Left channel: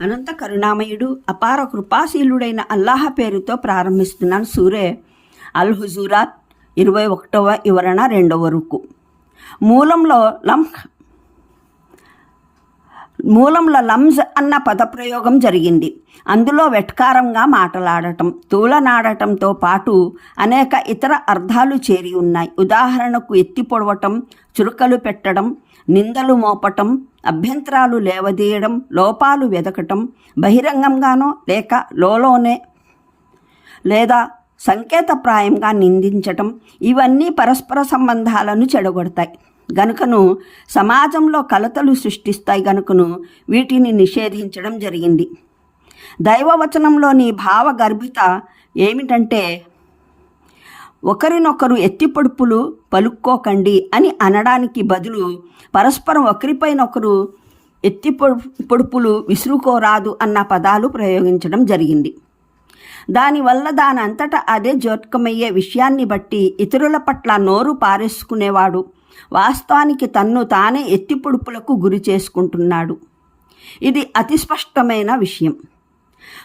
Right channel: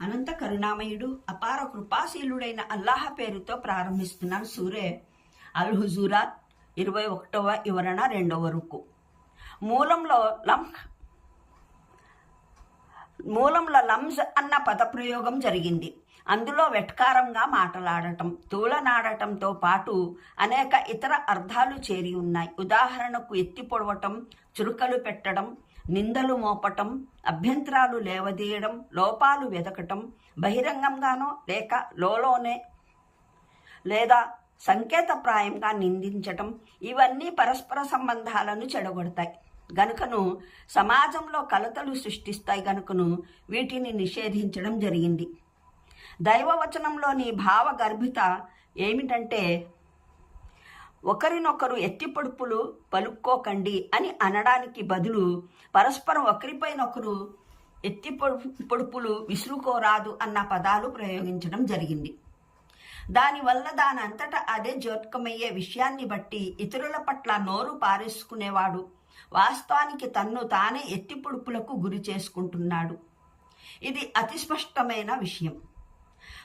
అనంత కరుణామయుడు అపార కృపాశీలుడైన అల్లాహ పేరుతో ప్రారంభిస్తున్నాను సూరే అల్ హుజూరాత్ ఇరవై ఒకటవ వివరణ రెండవ వరకు మూలంలో లంహ్ మూలంలో లంజ్ అన్న పదప్రయోగం జరిగింది. అందులో వెట్కారంగా మాటలాడటం తూలనాడటంతో పాటు అనేక ఇతర అర్థాలు చేరి ఉన్నాయి. ఉదాహరణకు ఎత్తి పొడవటం చురుకలు పెట్టడం నిందలు మోపటం అభ్యంతరాలు లేవదీయడం లోపాలు వెదకటం బహిరంగంగానో లేక లోలోనే లేదా సంకేతప్రాయంగా నిందించటం ఇవన్నీ పరస్పర సంబంధాలను చెడగొడతాయి. గనుకను సమాజంలో కలతలు సృష్టిస్తాయి గనుకను వీటిని నిషేధించడం జరిగింది. దైవవచనంలోని భావగర్భిత ఏమిటంటే ఒకరినొకరు ఎత్తిపొడుపులు పలుక్కోకండి అని అనడానికి బదులు పరస్పరం ఒకరిపైనొకరు ఎత్తి పొడుపులు విసురుకోరాదు అన్న పదాలు ప్రయోగించడం జరిగింది. దానివల్ల దానంతట అదే జోత్కమయ్యే విషయాన్ని బట్టి ఇతరుల పట్ల నోరు పారేసుకునేవాడు. వాస్తవానికి తన్ను తానే ఎత్తిపొడుపులకు గురి చేసుకుంటున్నాడు. ఇది అతి స్పష్టమైన విషయం.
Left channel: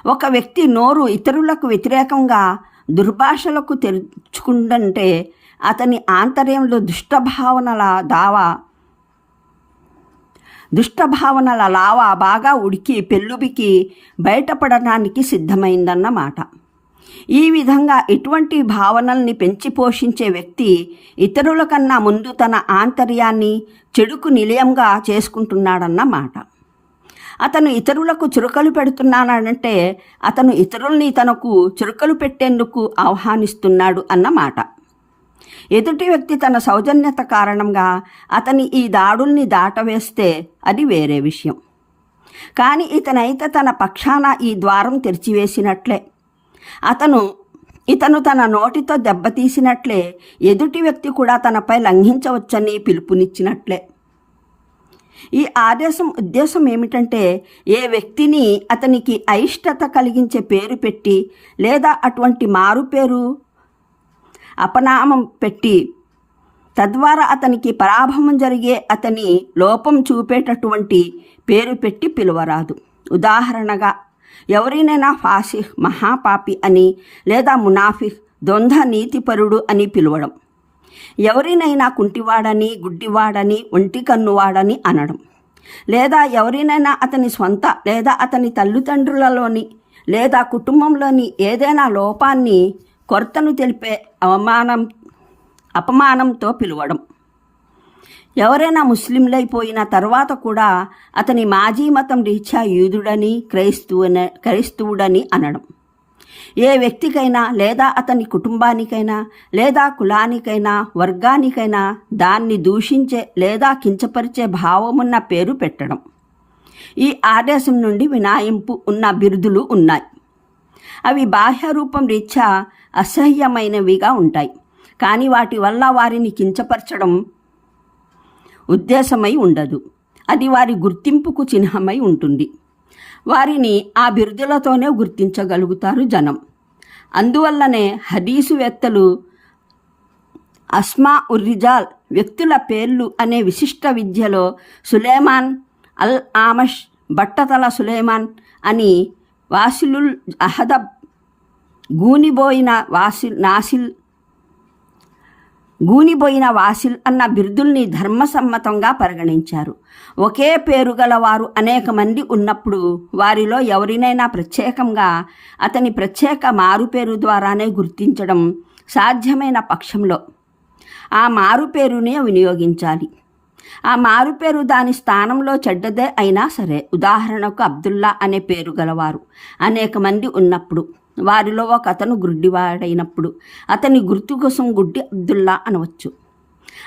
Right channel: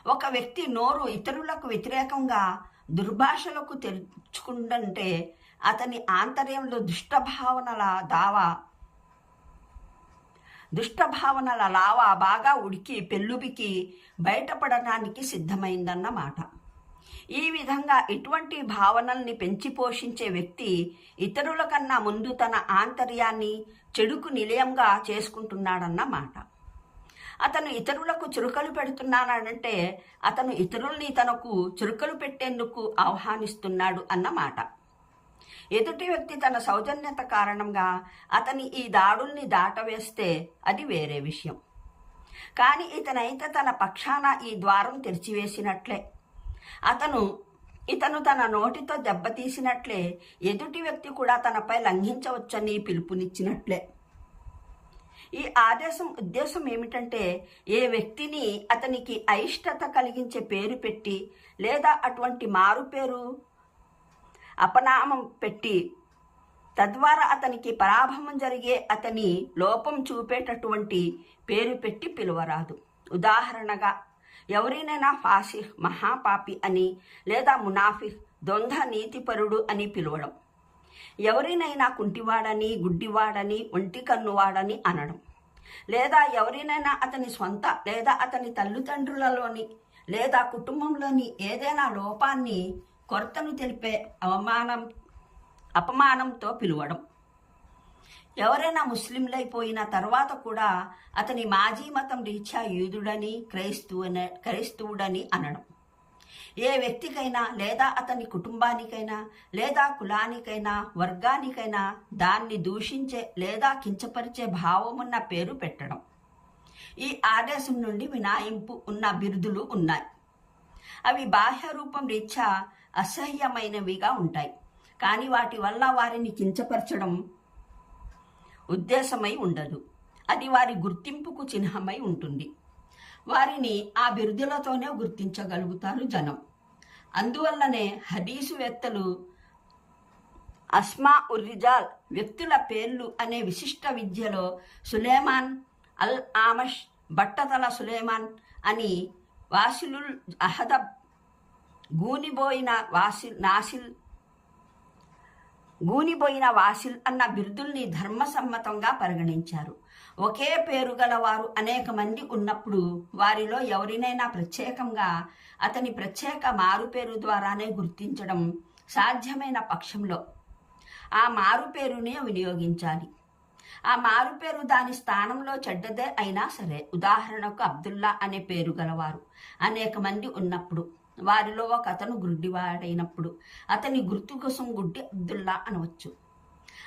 ఒక వ్యక్తి నోరు ఇతరులకు వ్యతిరేకంగా దుర్భాషలకు తెరుచుకుందంటే అతని ఆంతర్యంలో దుష్టభావనల దావా దుష్టభావనల లావా బాగా ఉడికి పెళ్ళుబికి బయటపడటానికి సిద్ధమైందన్నమాట. ఈ విధంగా ఇటువంటి భావనల్ని పెంచి పోషించే వ్యక్తి ఇతరుల కన్నా ముందు తన ఆంతర్యాన్ని చెడుకు నిలయంగా చేసుకుంటున్నాడన్నమాట అతను ఇతరులకు చురుకలు పెడుతున్నానంటే అతను ఇతరుల్ని తనకు చురుకలు పెట్టేందుకు ఆహ్వానిస్తున్నాడు అన్నమాట ఎదుటి వ్యక్తి తన సౌజన్యత కారణంగా అతని ఈ దాడుల్ని దాటవేస్తే అది వేరే విషయం. కానీ ఇతనైతే తన పక్షాన ఈ ద్వారం తెరిచివేసినట్లే. అతను ఇతను తన నోటితో దెబ్బతీసినట్లే ఎదుటి వ్యక్తి కూడా తనపై లంఘించవచ్చని పిలుపునిచ్చినట్లే. ఈ ఆదేశం ఉద్దేశం ఏమిటంటే ఏ వ్యక్తిని అతనికి అయిష్టత కలిగించే పేరు పెట్టి లేదా అటువంటి మారు పేరు అపనామం పెట్టి తద్వారా అతనికి పరాభవం జరిగే అతని లోపం చూపేటటువంటి పేరు పెట్టి పిలువరాదు. ఉదాహరణగా ఎవరినైనా ఫాసిహ్ మహాపాపి అని లేదా మునాఫిహ్ ద్వంద్వ నీతిపరుడు అని పిలవడం. ఎవరినైనా కుంటివాడని గుడ్డివాడని ఒంటి కన్నువాడని అనడం. లేదా ఎవరినైనా అతని స్వంత లేదా అతని తల్లిదండ్రులలోని లేదా కుటుంబంలోని ఏదైనా లోపాన్ని కొరతను తెలిపే అవమానం అపమానంతో పిలవడం. ఎవరైనా ముస్లింలైపోయిన తర్వాత కూడా అతని మాజీ మతం రీత్యా యూదుడని క్రైస్తవున క్రైస్తవుడని అనడం. ఏ వ్యక్తికైనా లేదా అతని కుటుంబానికైనా లేదా కులానికైనా వర్గానికైనా దాన్ని దూషించే లేదా కించపరిచే భావమున్న పేరు పెట్టడం. ఈ ఆదేశం నుండి వినాయింపు ఉన్న బిరుదులు ఉన్నాయి. అవి బాహ్య రూపం రీత్యా అసహ్యమైనవిగా ఉంటాయి. కానీ వాటి వల్ల వారిని కించపరచడం ఉద్దేశమై ఉండదు. అది వారి గుర్తింపుకు చిహ్నమై ఉంటుంది. వారిని ఆ బిరుదులతోనే గుర్తించగలుగుతారు జనం. అందువల్లనే హదీసువేత్తలు అస్మా ఉర్రిజాల్ వ్యక్తుల పేర్లు అనే విశిష్ట విద్యలో సులేమాన్ అల్ ఆమష్ బట్టతల సులేమాన్ అని వాసిలుల్ అహదబ్ గూనిబోయిన వాసిల్ నాసిల్ గూనిపోయిన వాసిల్ అన్న బిరుదుల్ని ధర్మసమ్మతంగా పరిగణించారు. ఒకే పేరు గల వారు అనేక మంది ఉన్నప్పుడు వారిలో ఎవరినైనా ప్రత్యేకంగా అతని ప్రత్యేక మారుపేరు ద్వారానే గుర్తించడం సాధ్యమైన పక్షంలో. ఆ మారుపేరునే వినియోగించాలి. ఆ మారుపేరు దాని స్థానంలో చెడ్డదే అయినా సరే ఉదాహరణకు అబ్దుల్లా అనే పేరు గలవారు అనేక మంది ఉన్నప్పుడు. వారిలో ఒక అతను గుడ్డివాడైనప్పుడు అతని గుర్తు కోసం గుడ్డి అబ్దుల్లా అనవచ్చు.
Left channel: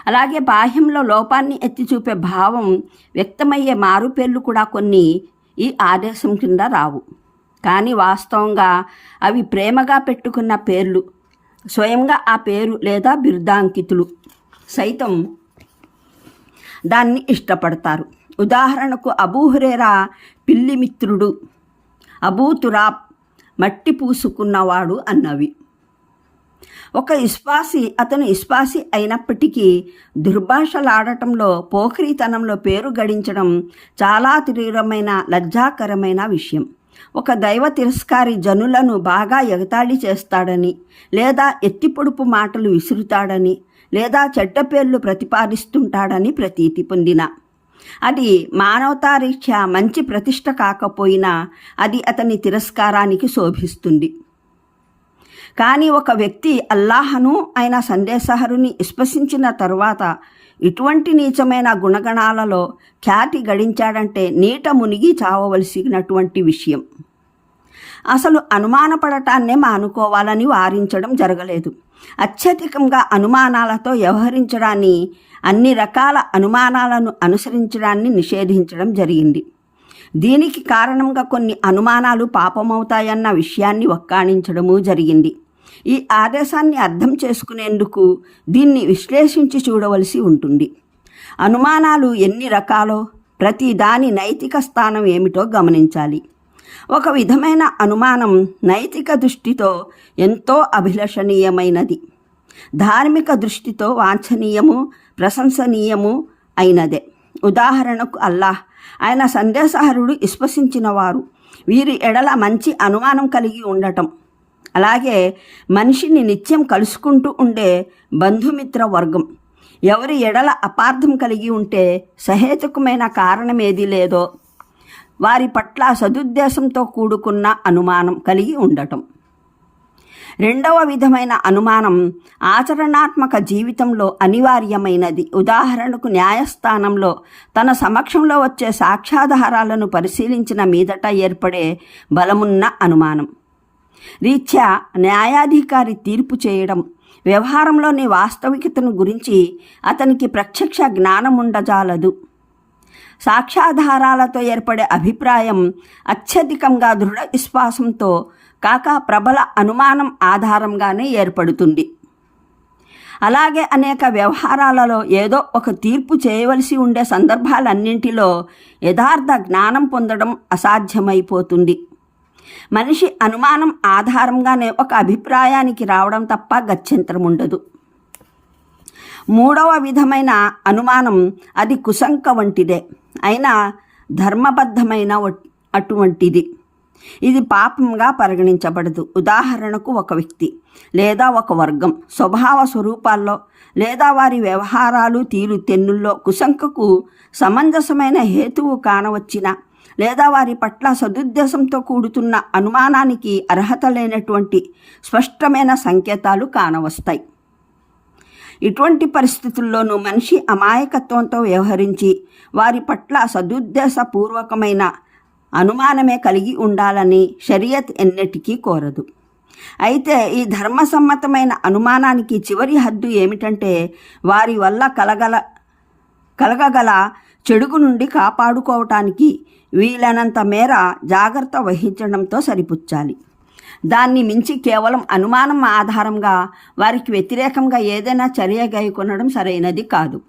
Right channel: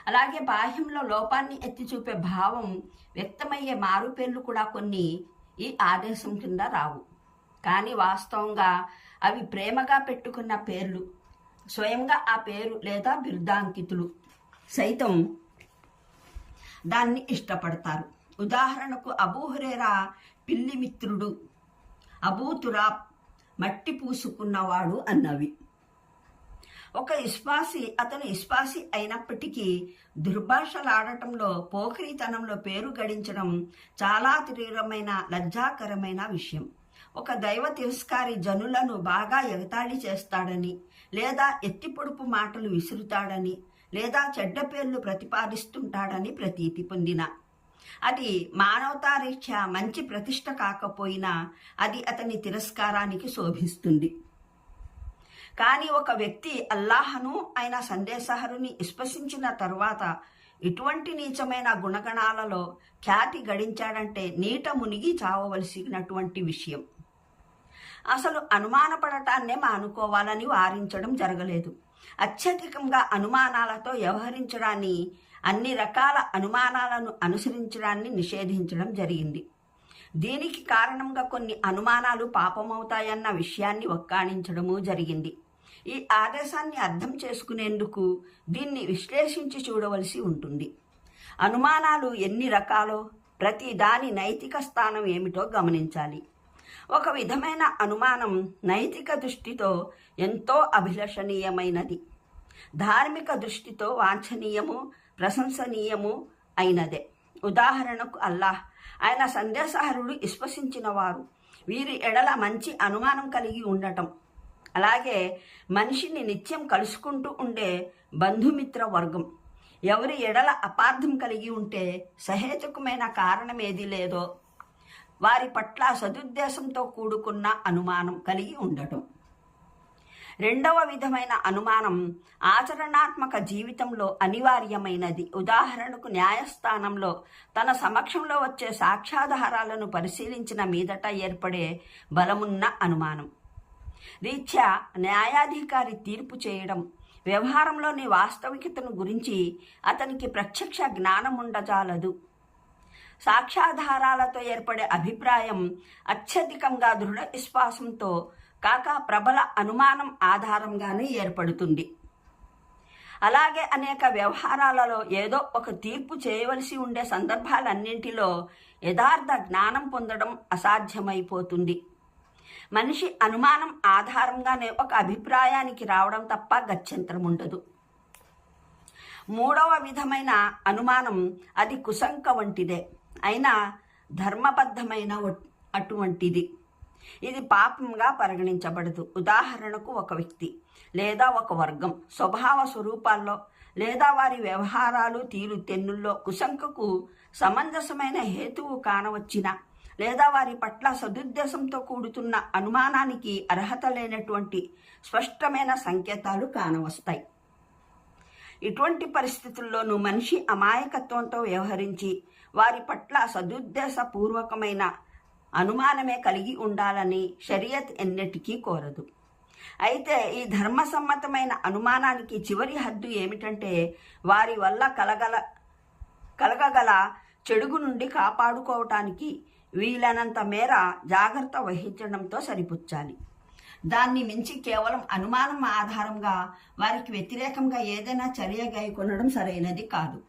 అలాగే బాహ్యంలో లోపాన్ని ఎత్తి చూపే భావం వ్యక్తమయ్యే మారుపేర్లు కూడా కొన్ని ఈ ఆదేశం కింద రావు. కానీ వాస్తవంగా అవి ప్రేమగా పెట్టుకున్న పేర్లు స్వయంగా ఆ పేరు లేదా బిరుదాంకితులు సైతం దాన్ని ఇష్టపడతారు. ఉదాహరణకు అబూహురేరా పిల్లి మిత్రుడు అబూ తురాబ్ మట్టి పూసుకున్నవాడు అన్నవి. ఒక ఇస్పాసి అతను ఇస్పాసి అయినప్పటికీ దుర్భాషలాడటంలో పోఖరీతనంలో పేరు గడించడం చాలా తీవ్రమైన లజ్జాకరమైన విషయం. ఒక దైవ తిరస్కారి జనులను బాగా ఎగతాళి చేస్తాడని లేదా ఎత్తిపొడుపు మాటలు విసురుతాడని లేదా చెడ్డ పేర్లు ప్రతిపాదిస్తుంటాడని ప్రతీతి పొందిన అది మానవతారీత్యా మంచి ప్రతిష్ట కాకపోయినా అది అతని తిరస్కారానికి శోభిస్తుంది. కానీ ఒక వ్యక్తి అల్లాహను ఆయన సందేశహరుని విశ్వసించిన తరువాత ఇటువంటి నీచమైన గుణగణాలలో ఖ్యాతి గడించాడంటే నీట మునిగి చావవలసినటువంటి విషయం. అసలు అనుమానపడటాన్నే మానుకోవాలని వారించడం జరగలేదు. అత్యధికంగా అనుమానాలతో వ్యవహరించడాన్ని అన్ని రకాల అనుమానాలను అనుసరించడాన్ని నిషేధించడం జరిగింది. దీనికి కారణంగా కొన్ని అనుమానాలు పాపమవుతాయన్న విషయాన్ని వక్కాణించడము జరిగింది. ఈ ఆదేశాన్ని అర్థం చేసుకునేందుకు దీన్ని విశ్లేషించి చూడవలసి ఉంటుంది. అనుమానాలు ఎన్ని రకాలో ప్రతి దాని నైతిక స్థానం ఏమిటో గమనించాలి. ఒక విధమైన అనుమానం నైతిక దృష్టితో ఎంతో అభిలషణీయమైనది. ధార్మిక దృష్టితో వాంఛనీయము ప్రశంసనీయము అయినదే. ఉదాహరణకు అల్లాహ్. ఆయన సందేశహరుడు విశ్వసించిన వారు వీరి ఎడల మంచి అనుమానం కలిగి ఉండటం. అలాగే మనిషిని నిత్యం కలుసుకుంటూ ఉండే బంధుమిత్ర వర్గం ఎవరి ఎడల అపార్థం కలిగి ఉంటే సహేతుకమైన కారణం ఏది లేదో వారి పట్ల సదుద్దేశంతో కూడుకున్న అనుమానం కలిగి ఉండటం. రెండవ విధమైన అనుమానం ఆచరణాత్మక జీవితంలో అనివార్యమైనది. ఉదాహరణకు న్యాయస్థానంలో తన సమక్షంలో వచ్చే సాక్ష్యాధారాలను పరిశీలించిన మీదట ఏర్పడే బలమున్న అనుమానం. రీత్యా న్యాయాధికారి తీర్పు చేయడం వ్యవహారంలోని వాస్తవికతను గురించి అతనికి ప్రత్యక్ష జ్ఞానం ఉండజాలదు సాక్ష్యాధారాలతో ఏర్పడే అభిప్రాయం అత్యధికంగా దృఢ విశ్వాసంతో కాక ప్రబల అనుమానం ఆధారంగానే ఏర్పడుతుంది. అలాగే అనేక వ్యవహారాలలో ఏదో ఒక తీర్పు చేయవలసి ఉండే సందర్భాలన్నింటిలో యథార్థ జ్ఞానం పొందడం అసాధ్యమైపోతుంది. మనిషి అనుమానం ఆధారంగానే ఒక అభిప్రాయానికి రావడం తప్ప గత్యంతరం ఉండదు. మూడవ విధమైన అనుమానం అది కుశంక వంటిదే. అయినా ధర్మబద్ధమైన అటువంటిది. ఇది పాపంగా పరిగణించబడదు. ఉదాహరణకు ఒక వ్యక్తి లేదా ఒక వర్గం స్వభావ స్వరూపాల్లో లేదా వారి వ్యవహారాలు తీరు తెన్నుల్లో కుశంకకు సమంజసమైన హేతువు కానవచ్చిన లేదా వారి పట్ల సదుద్దేశంతో కూడుతున్న అనుమానానికి అర్హత లేనటువంటి స్పష్టమైన సంకేతాలు కానవస్తాయి. ఇటువంటి పరిస్థితుల్లోనూ మనిషి అమాయకత్వంతో వ్యవహరించి వారి పట్ల సదుద్దేశపూర్వకమైన అనుమానమే కలిగి ఉండాలని షరియత్ ఎన్నటికీ కోరదు. అయితే ఈ ధర్మసమ్మతమైన అనుమానానికి చివరి హద్దు ఏమిటంటే వారి వల్ల కలగల కలగగల చెడుగు నుండి కాపాడుకోవటానికి వీలైనంత మేర జాగ్రత్త వహించడంతో సరిపుచ్చాలి. దాన్ని మించి కేవలం అనుమానం ఆధారంగా వారికి వ్యతిరేకంగా ఏదైనా చర్య గైకొనడం సరైనది కాదు.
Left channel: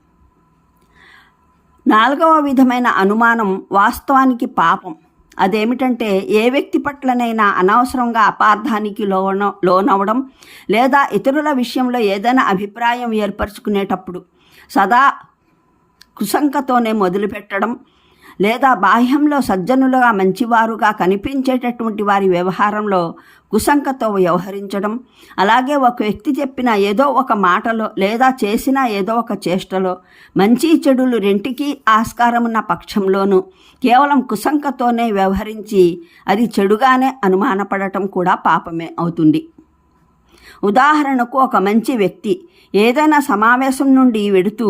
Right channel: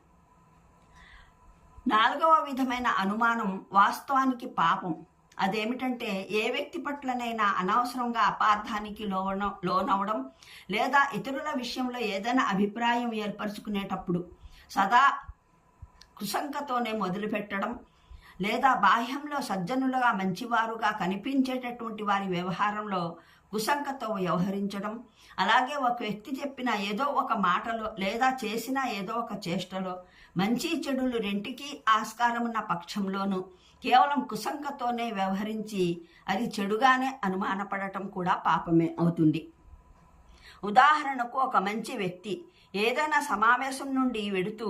నాలుగవ విధమైన అనుమానం వాస్తవానికి పాపం. అదేమిటంటే ఏ వ్యక్తి పట్లనైనా అనవసరంగా అపార్థానికి లోన లోనవడం లేదా ఇతరుల విషయంలో ఏదైనా అభిప్రాయం ఏర్పరచుకునేటప్పుడు సదా కుశంకతోనే మొదలుపెట్టడం లేదా బాహ్యంలో సజ్జనులుగా మంచివారుగా కనిపించేటటువంటి వారి వ్యవహారంలో కుశంకతో వ్యవహరించడం. అలాగే ఒక వ్యక్తి చెప్పిన ఏదో ఒక మాటలో లేదా చేసిన ఏదో ఒక చేష్టలో మంచి చెడులు రెంటికి ఆస్కారమున్న పక్షంలోనూ కేవలం కుశంకతోనే వ్యవహరించి అది చెడుగానే అనుమానపడటం కూడా పాపమే అవుతుంది. ఉదాహరణకు ఒక మంచి వ్యక్తి ఏదైనా సమావేశం నుండి వెడుతూ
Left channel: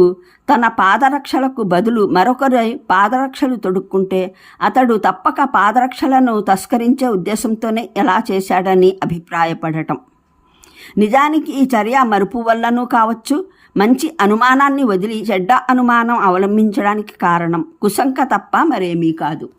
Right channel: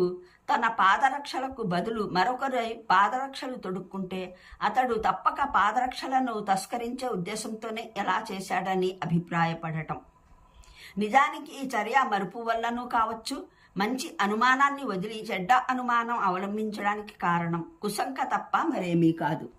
తన పాదరక్షలకు బదులు మరొకరి పాదరక్షలు తొడుక్కుంటే అతడు తప్పక పాదరక్షలను తస్కరించే ఉద్దేశంతోనే ఎలా చేశాడని అభిప్రాయపడటం. నిజానికి ఈ చర్య మరుపు వల్లనూ కావచ్చు మంచి అనుమానాన్ని వదిలి చెడ్డ అనుమానం అవలంబించడానికి కారణం కుశంక తప్ప మరేమీ కాదు.